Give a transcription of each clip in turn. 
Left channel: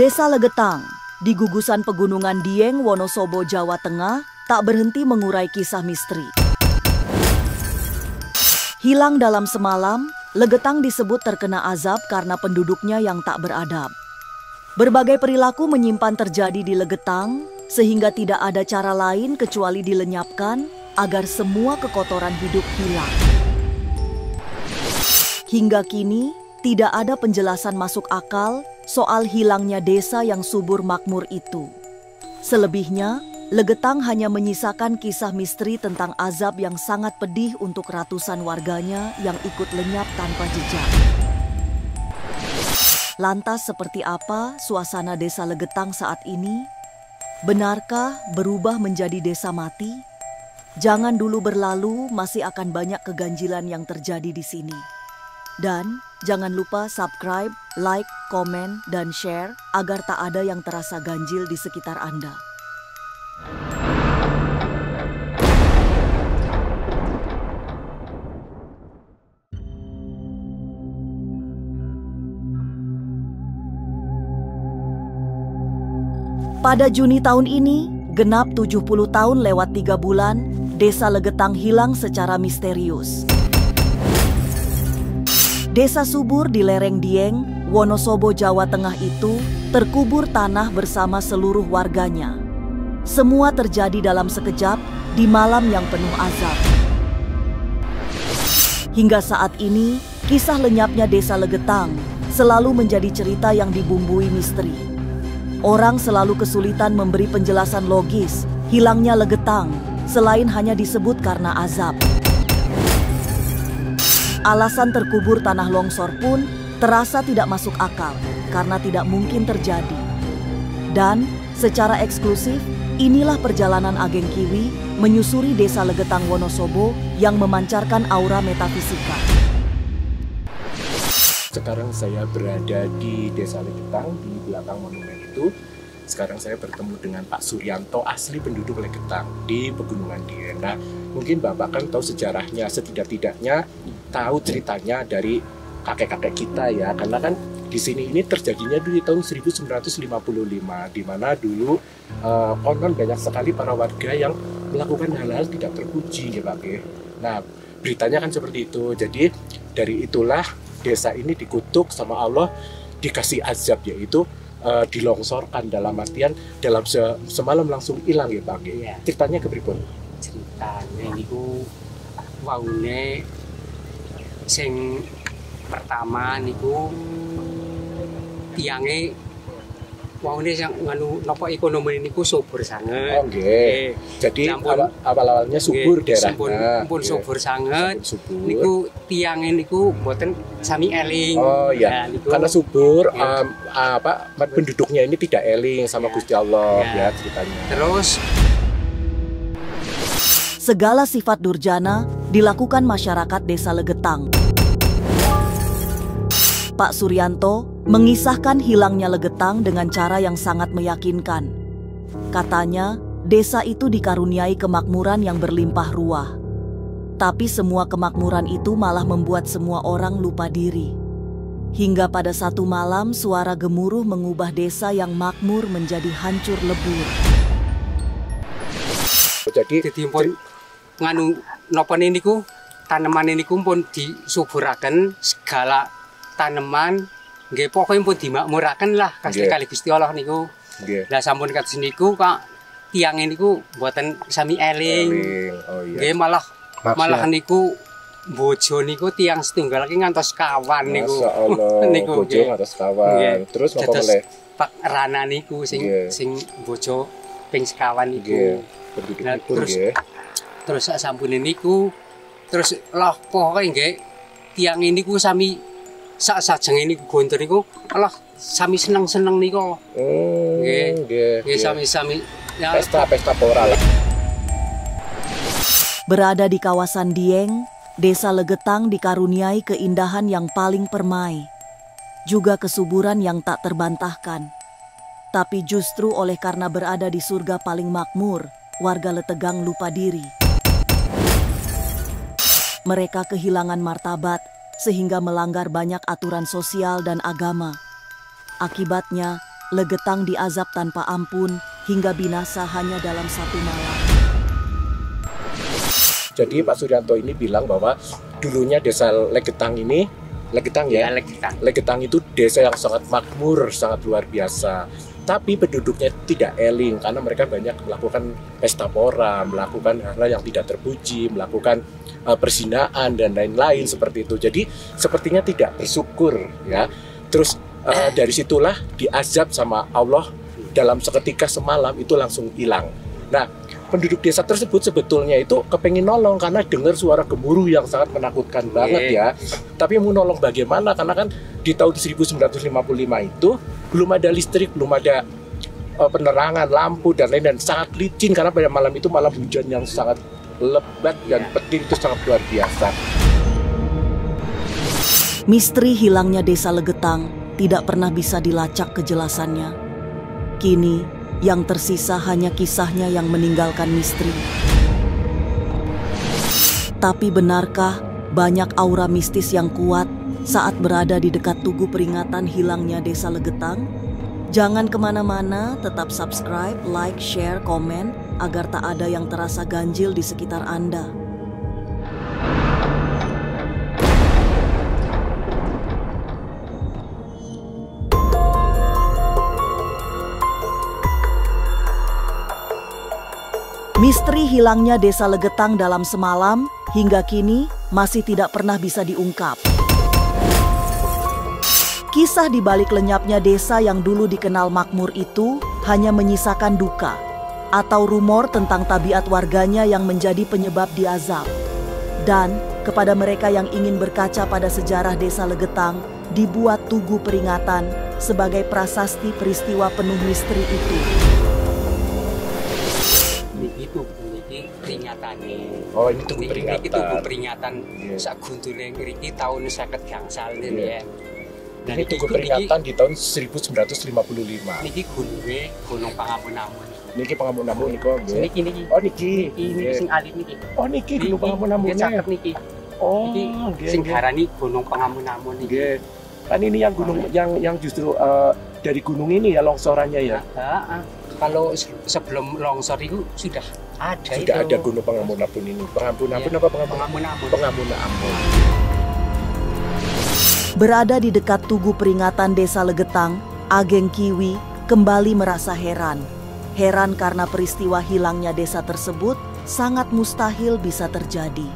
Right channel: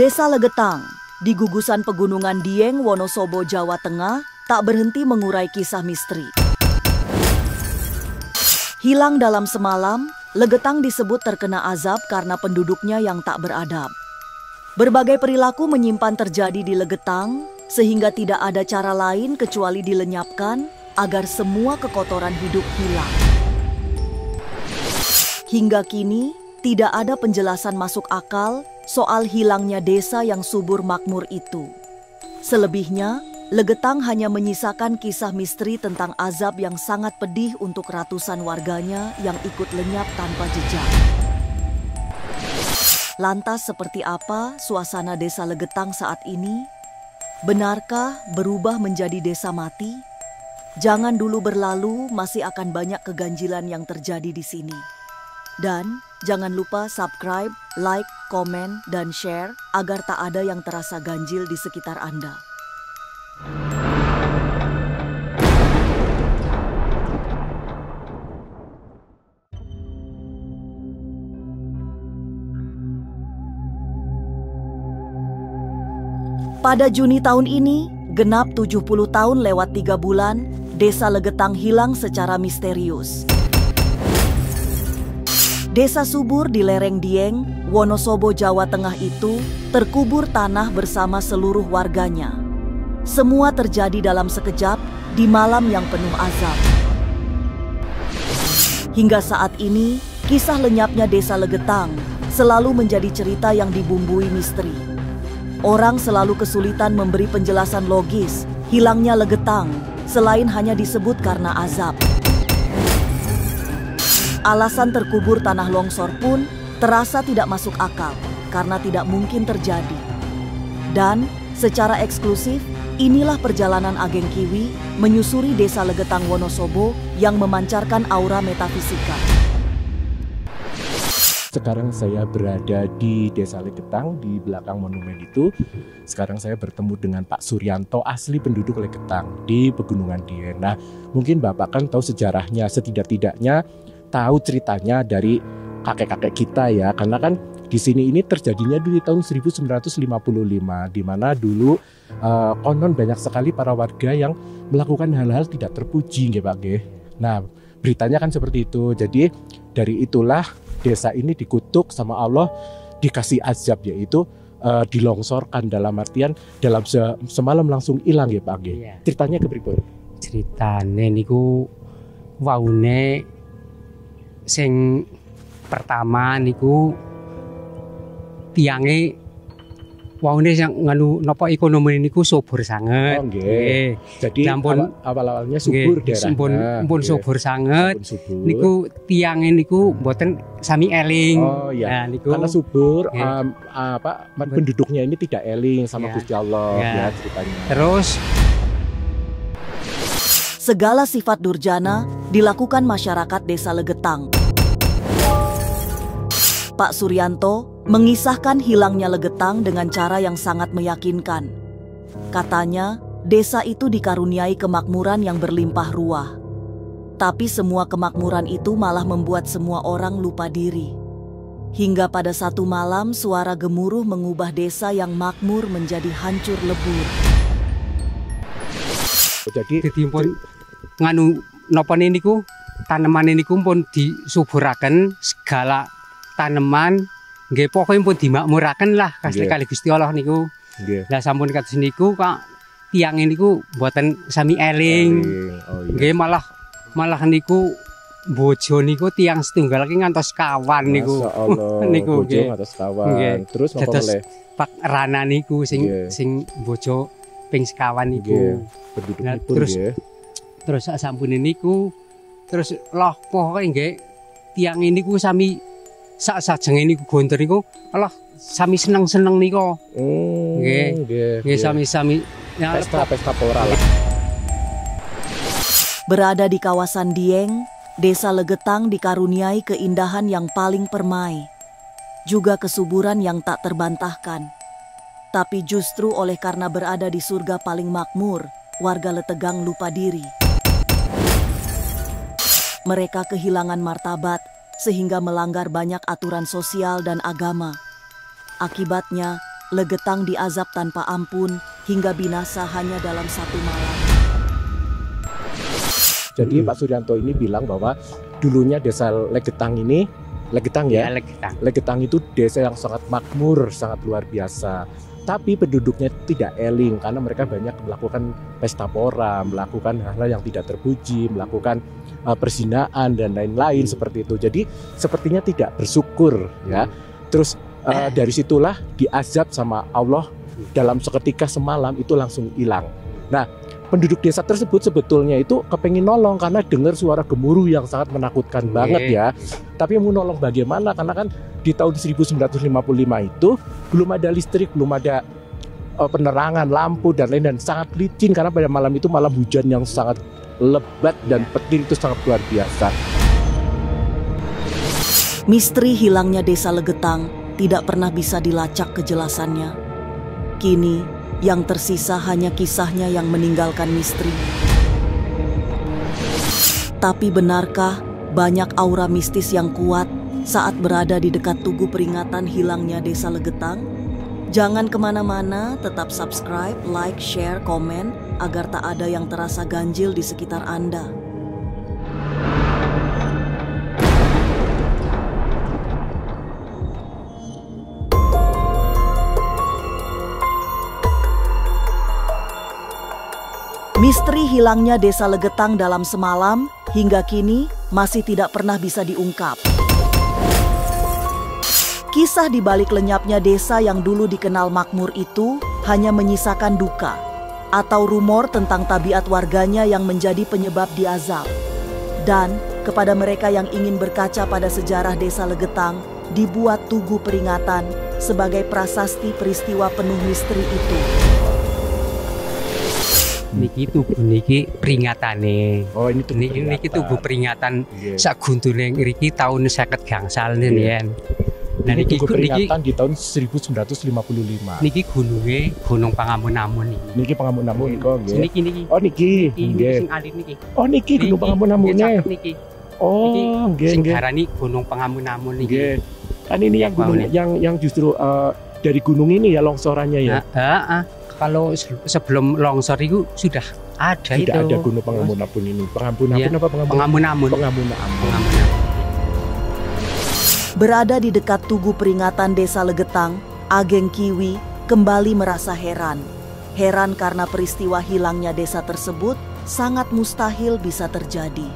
Desa Legetang, di gugusan pegunungan Dieng, Wonosobo, Jawa Tengah, tak berhenti mengurai kisah misteri. Hilang dalam semalam, Legetang disebut terkena azab karena penduduknya yang tak beradab. Berbagai perilaku menyimpan terjadi di Legetang, sehingga tidak ada cara lain kecuali dilenyapkan agar semua kekotoran hidup hilang. Hingga kini, tidak ada penjelasan masuk akal soal hilangnya desa yang subur makmur itu. Selebihnya, Legetang hanya menyisakan kisah misteri tentang azab yang sangat pedih untuk ratusan warganya yang ikut lenyap tanpa jejak. Lantas seperti apa suasana desa Legetang saat ini? Benarkah berubah menjadi desa mati? Jangan dulu berlalu, masih akan banyak keganjilan yang terjadi di sini. Dan jangan lupa subscribe, like, komen, dan share agar tak ada yang terasa ganjil di sekitar Anda. Pada Juni tahun ini, genap 70 tahun lewat 3 bulan, Desa Legetang hilang secara misterius. Desa subur di lereng Dieng, Wonosobo, Jawa Tengah itu terkubur tanah bersama seluruh warganya. Semua terjadi dalam sekejap di malam yang penuh azab. Hingga saat ini, kisah lenyapnya Desa Legetang selalu menjadi cerita yang dibumbui misteri. Orang selalu kesulitan memberi penjelasan logis hilangnya Legetang selain hanya disebut karena azab. Alasan terkubur tanah longsor pun terasa tidak masuk akal karena tidak mungkin terjadi. Dan secara eksklusif, inilah perjalanan Ageng Kiwi menyusuri Desa Legetang Wonosobo yang memancarkan aura metafisika. Sekarang saya berada di Desa Legetang, di belakang monumen itu. Sekarang saya bertemu dengan Pak Suryanto, asli penduduk Legetang di Pegunungan Dieng. Nah, mungkin Bapak kan tahu sejarahnya, setidak-tidaknya tahu ceritanya dari kakek-kakek kita ya, karena kan di sini ini terjadinya di tahun 1955, di mana dulu konon banyak sekali para warga yang melakukan hal-hal tidak terpuji ya Pak. Nah, beritanya kan seperti itu. Jadi dari itulah desa ini dikutuk sama Allah, dikasih azab, yaitu dilongsorkan, dalam artian dalam semalam langsung hilang ya Pak. Ceritanya keberipun? Ceritanya niku waune sing pertama niku tiange waune yang nganu napa ekonomi niku subur sanget. Oh nggih. Jadi awal-awalnya subur daerahnya. Pun subur sanget. Niku tiange niku mboten sami eling. Oh iya. Niku, karena subur penduduknya ini tidak eling sama Gusti Allah ya ceritanya. Terus segala sifat durjana dilakukan masyarakat Desa Legetang. Pak Suryanto mengisahkan hilangnya Legetang dengan cara yang sangat meyakinkan. Katanya, desa itu dikaruniai kemakmuran yang berlimpah ruah. Tapi semua kemakmuran itu malah membuat semua orang lupa diri. Hingga pada satu malam suara gemuruh mengubah desa yang makmur menjadi hancur lebur. Jadi pun nganu napa niku tanaman niku pun disuburaken, segala tanaman nggih pokoke pun dimakmuraken lah kali Gusti Allah niku. Lah sampun kados niku Pak tiang niku mboten sami eling. Nggih malah niku bojo niku tiang setunggal iki ngantos kawan niku. Niku bojo ngantos kawan. Terus napa meneh? Pak Rana niku sing bojo ping sekawan niku. Nah, terus sampune niku terus lah pokoke nggih tiang niku sami sajenge niku gontor niku Allah sami seneng-seneng niku. Nggih sami-sami pesta pora lah. Berada di kawasan Dieng, Desa Legetang dikaruniai keindahan yang paling permai, juga kesuburan yang tak terbantahkan. Tapi justru oleh karena berada di surga paling makmur, warga Letegang lupa diri. Mereka kehilangan martabat sehingga melanggar banyak aturan sosial dan agama. Akibatnya, Legetang diazab tanpa ampun hingga binasa hanya dalam 1 malam. Jadi Pak Suryanto ini bilang bahwa dulunya desa Legetang ini, Legetang ya? Legetang itu desa yang sangat makmur, sangat luar biasa. Tapi penduduknya tidak eling karena mereka banyak melakukan pesta pora, melakukan hal-hal yang tidak terpuji, melakukan perzinaan dan lain-lain seperti itu. Jadi sepertinya tidak bersyukur ya. Terus dari situlah diazab sama Allah dalam seketika semalam itu langsung hilang. Nah, penduduk desa tersebut sebetulnya itu kepengin nolong karena dengar suara gemuruh yang sangat menakutkan banget ya. Tapi mau nolong bagaimana? Karena kan di tahun 1955 itu belum ada listrik, belum ada penerangan, lampu dan lain-lain, dan sangat licin karena pada malam itu malam hujan yang sangat lebat dan petir itu sangat luar biasa. Misteri hilangnya desa Legetang tidak pernah bisa dilacak kejelasannya. Kini yang tersisa hanya kisahnya yang meninggalkan misteri. Tapi benarkah banyak aura mistis yang kuat saat berada di dekat tugu peringatan hilangnya desa Legetang? Jangan kemana-mana, tetap subscribe, like, share, komen agar tak ada yang terasa ganjil di sekitar Anda. Misteri hilangnya desa Legetang dalam semalam hingga kini masih tidak pernah bisa diungkap. Kisah di balik lenyapnya desa yang dulu dikenal makmur itu hanya menyisakan duka atau rumor tentang tabiat warganya yang menjadi penyebab diazab. Dan kepada mereka yang ingin berkaca pada sejarah desa Legetang, dibuat tugu peringatan sebagai prasasti peristiwa penuh misteri itu. Niki peringatane. Oh, ini tugu peringatan sak guntune ngriki tahun 50 gangsal nih. Nah, ini tugu peringatan di tahun 1955. Niki Gunung Pangamun-Amun iki. Niki Pangamun-Amun niki. Niki. Oh, niki. Sing alit niki. Oh, niki Gunung Pangamun-Amun niki. Oh, nggih. Sing darani Gunung Pangamun-Amun niki. Kan ini yang gunung yang justru dari gunung ini ya longsorannya ya. Kalau sebelum longsor itu sudah ada Gunung Pangamun-Amun ini. Pangamun-Amun apa Pangamun-Amun. Pangamun-Amun. Berada di dekat tugu peringatan desa Legetang, Ageng Kiwi kembali merasa heran. Heran karena peristiwa hilangnya desa tersebut sangat mustahil bisa terjadi.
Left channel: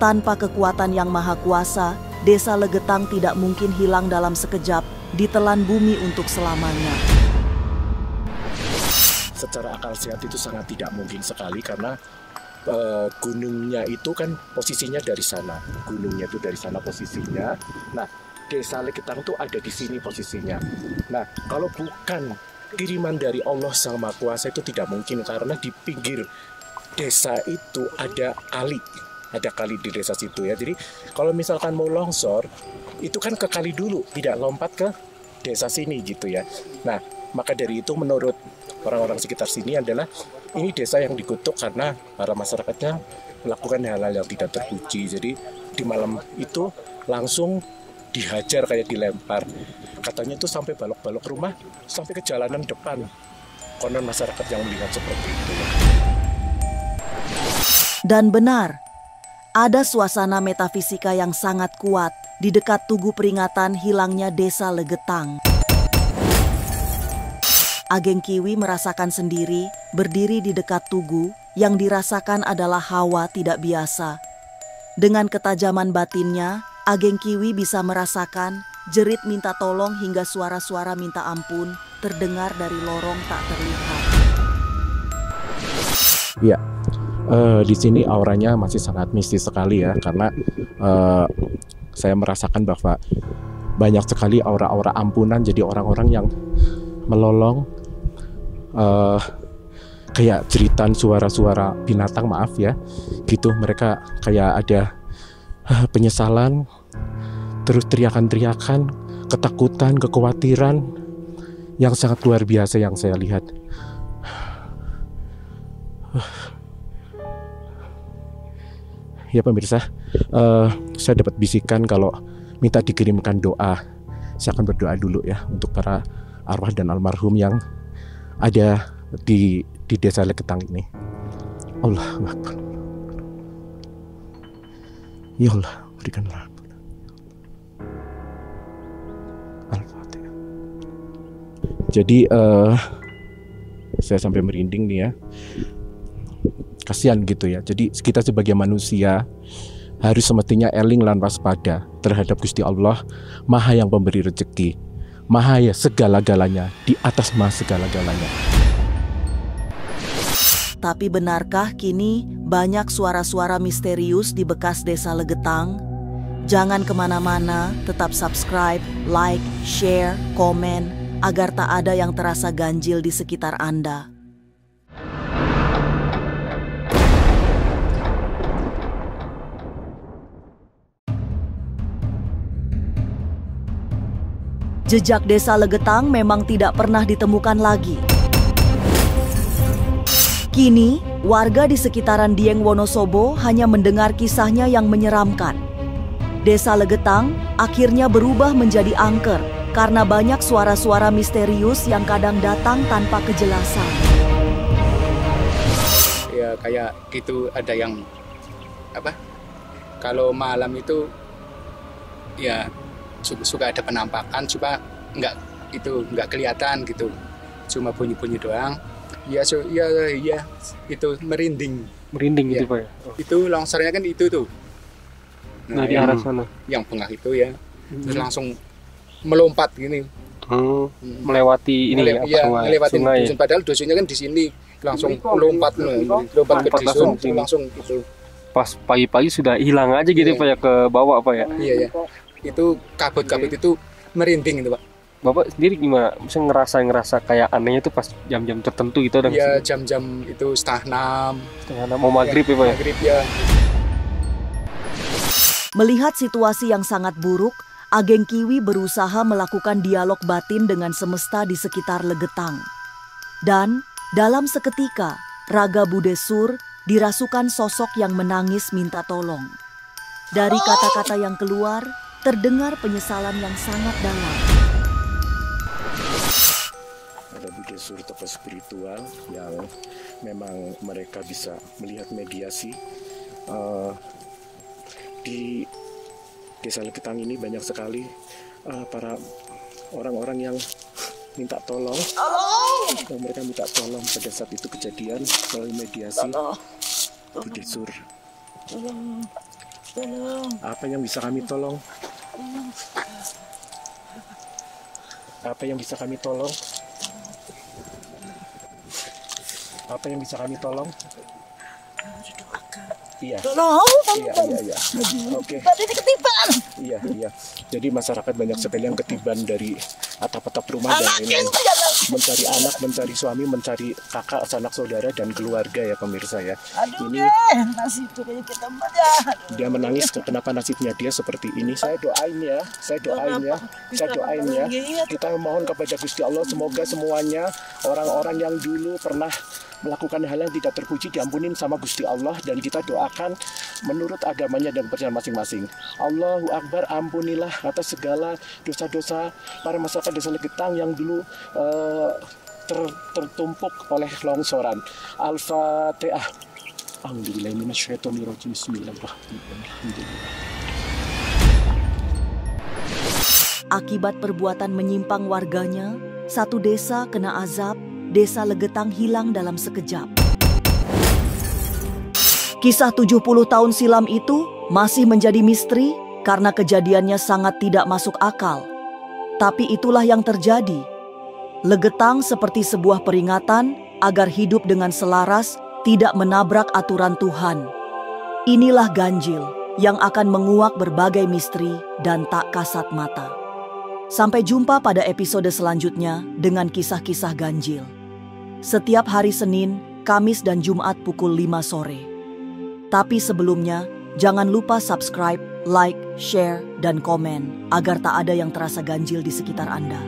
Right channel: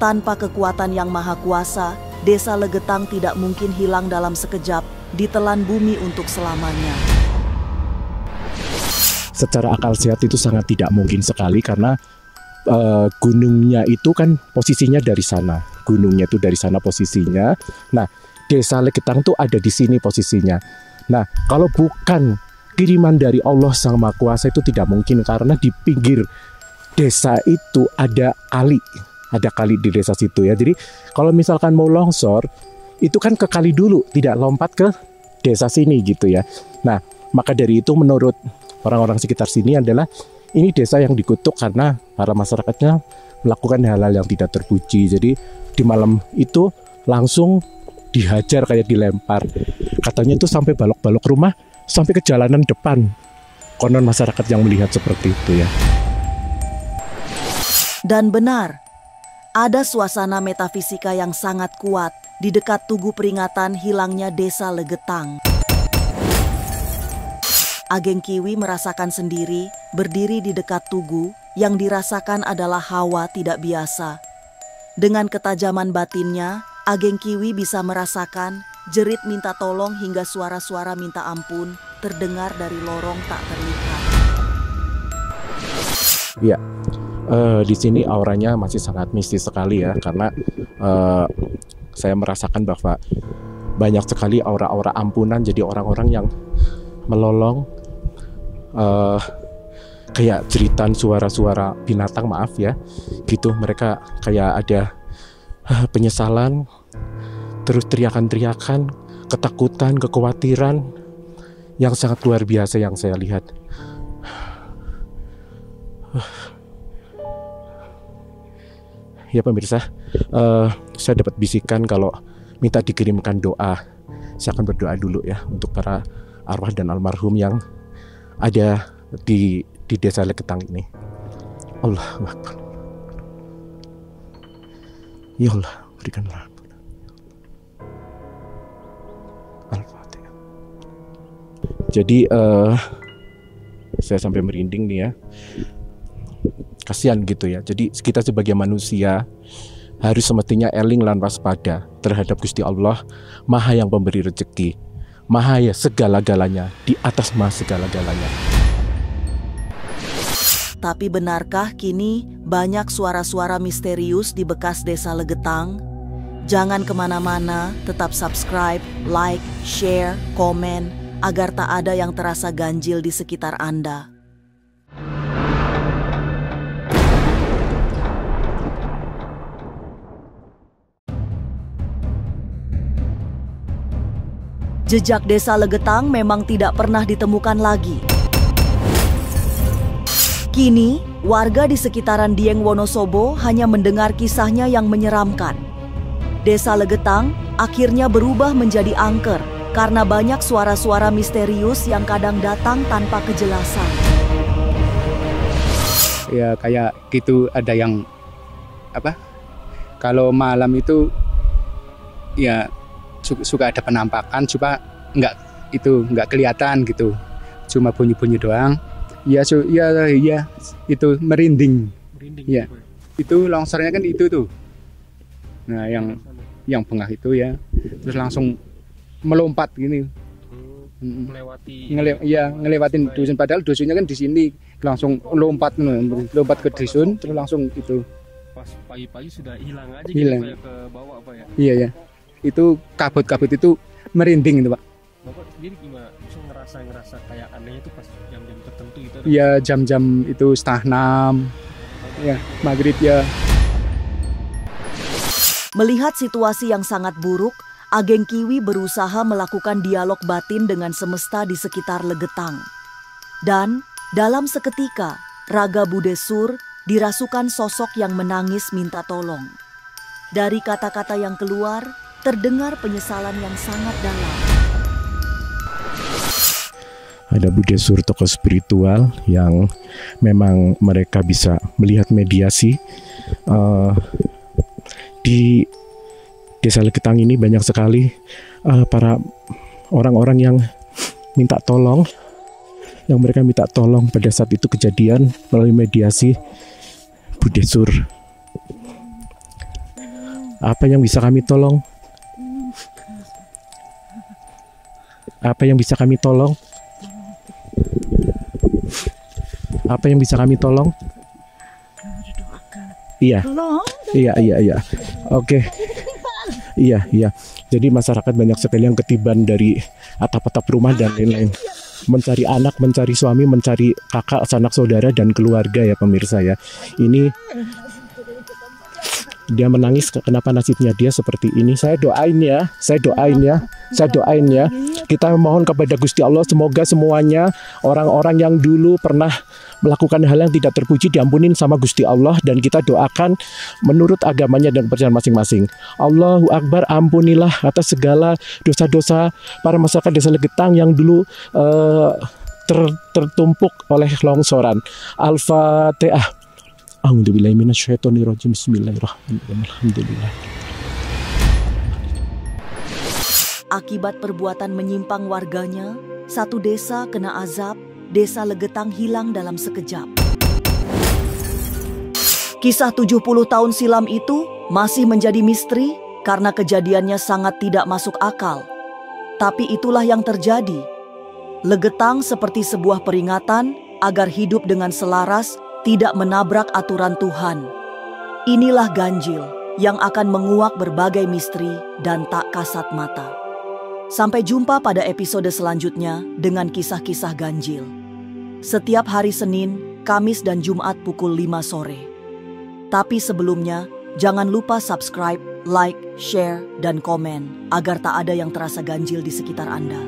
Tanpa kekuatan yang maha kuasa, desa Legetang tidak mungkin hilang dalam sekejap, ditelan bumi untuk selamanya. Secara akal sehat itu sangat tidak mungkin sekali karena gunungnya itu kan posisinya dari sana. Gunungnya itu dari sana posisinya. Nah, desa Legetang tuh ada di sini posisinya. Nah, kalau bukan kiriman dari Allah Sang Maha Kuasa itu tidak mungkin karena di pinggir desa itu ada kali. Ada kali di desa situ ya. Jadi kalau misalkan mau longsor itu kan ke kali dulu, tidak lompat ke desa sini gitu ya. Nah, maka dari itu menurut orang-orang sekitar sini adalah ini desa yang dikutuk karena para masyarakatnya melakukan hal-hal yang tidak terpuji. Jadi di malam itu langsung dihajar kayak dilempar. Katanya itu sampai balok-balok rumah, sampai ke jalanan depan. Konon masyarakat yang melihat seperti itu ya. Dan benar, ada suasana metafisika yang sangat kuat di dekat tugu peringatan hilangnya desa Legetang. Ageng Kiwi merasakan sendiri berdiri di dekat tugu yang dirasakan adalah hawa tidak biasa. Dengan ketajaman batinnya, Ageng Kiwi bisa merasakan jerit minta tolong hingga suara-suara minta ampun terdengar dari lorong tak terlihat. Ya, di sini auranya masih sangat mistis sekali ya, karena saya merasakan bahwa banyak sekali aura-aura ampunan. Jadi orang-orang yang melolong kayak jeritan suara-suara binatang, maaf ya, gitu. Mereka kayak ada penyesalan, terus teriakan-teriakan, ketakutan, kekhawatiran yang sangat luar biasa yang saya lihat. Ya pemirsa, saya dapat bisikan kalau minta dikirimkan doa. Saya akan berdoa dulu ya untuk para arwah dan almarhum yang ada di desa Legetang ini. Allahu Akbar. Ya Allah, berikanlah ampun. Al-Fatihah. Jadi saya sampai merinding nih ya. Kasihan gitu ya. Jadi kita sebagai manusia harus semestinya eling lan waspada terhadap Gusti Allah, Maha yang pemberi rezeki, Maha ya segala-galanya, di atas Maha segala-galanya. Tapi benarkah kini banyak suara-suara misterius di bekas desa Legetang? Jangan kemana-mana, tetap subscribe, like, share, komen, agar tak ada yang terasa ganjil di sekitar Anda. Jejak desa Legetang memang tidak pernah ditemukan lagi. Kini, warga di sekitaran Dieng Wonosobo hanya mendengar kisahnya yang menyeramkan. Desa Legetang akhirnya berubah menjadi angker karena banyak suara-suara misterius yang kadang datang tanpa kejelasan. Ya kayak gitu, ada yang kalau malam itu ya suka ada penampakan, cuma nggak kelihatan gitu, cuma bunyi-bunyi doang. Ya itu merinding ya. Gitu Pak ya. Itu longsornya kan itu tuh. Nah, di arah sana. Yang bengah itu ya, terus langsung melompat gini. Melewati ini ngelewatin sungai. dusun, padahal dusunnya kan di sini, langsung lompat ke dusun, langsung itu. Pas pagi-pagi sudah hilang aja gitu Pak ya, ke bawah Pak ya. Iya. Itu kabut-kabut itu merinding itu Pak. Bapak sendiri gimana? Bisa ngerasa kayak anehnya itu pas jam-jam tertentu gitu? Ya jam-jam itu setengah 6. Mau maghrib ya Pak? Maghrib ya. Melihat situasi yang sangat buruk, Ageng Kiwi berusaha melakukan dialog batin dengan semesta di sekitar Legetang. Dan dalam seketika, raga Budesur dirasukan sosok yang menangis minta tolong. Dari kata-kata yang keluar, terdengar penyesalan yang sangat dalam. Ada Budesur, tokoh spiritual yang memang mereka bisa melihat mediasi. Di desa Legetang ini banyak sekali para orang-orang yang minta tolong, yang mereka minta tolong pada saat itu kejadian melalui mediasi. Budesur, apa yang bisa kami tolong? Apa yang bisa kami tolong? Apa yang bisa kami tolong? Iya. Iya. Oke. Iya. Jadi masyarakat banyak sekali yang ketiban dari atap-atap rumah dan lain-lain. Mencari anak, mencari suami, mencari kakak, sanak saudara dan keluarga ya pemirsa ya. Ini dia menangis, kenapa nasibnya dia seperti ini? Saya doain ya. Kita mohon kepada Gusti Allah semoga semuanya orang-orang yang dulu pernah melakukan hal yang tidak terpuji diampunin sama Gusti Allah, dan kita doakan menurut agamanya dan percayaan masing-masing. Allahu Akbar, ampunilah atas segala dosa-dosa para masyarakat desa Legetang yang dulu tertumpuk oleh longsoran. Al-Fatihah. A'udzubillahi minasyaitonirrajim. Bismillahirrahmanirrahim. Alhamdulillah. Akibat perbuatan menyimpang warganya, satu desa kena azab. Desa Legetang hilang dalam sekejap. Kisah 70 tahun silam itu masih menjadi misteri karena kejadiannya sangat tidak masuk akal. Tapi itulah yang terjadi. Legetang seperti sebuah peringatan agar hidup dengan selaras, tidak menabrak aturan Tuhan. Inilah ganjil yang akan menguak berbagai misteri dan tak kasat mata. Sampai jumpa pada episode selanjutnya dengan kisah-kisah ganjil. Setiap hari Senin, Kamis dan Jumat pukul 5 sore. Tapi sebelumnya, jangan lupa subscribe, like, share, dan komen agar tak ada yang terasa ganjil di sekitar Anda.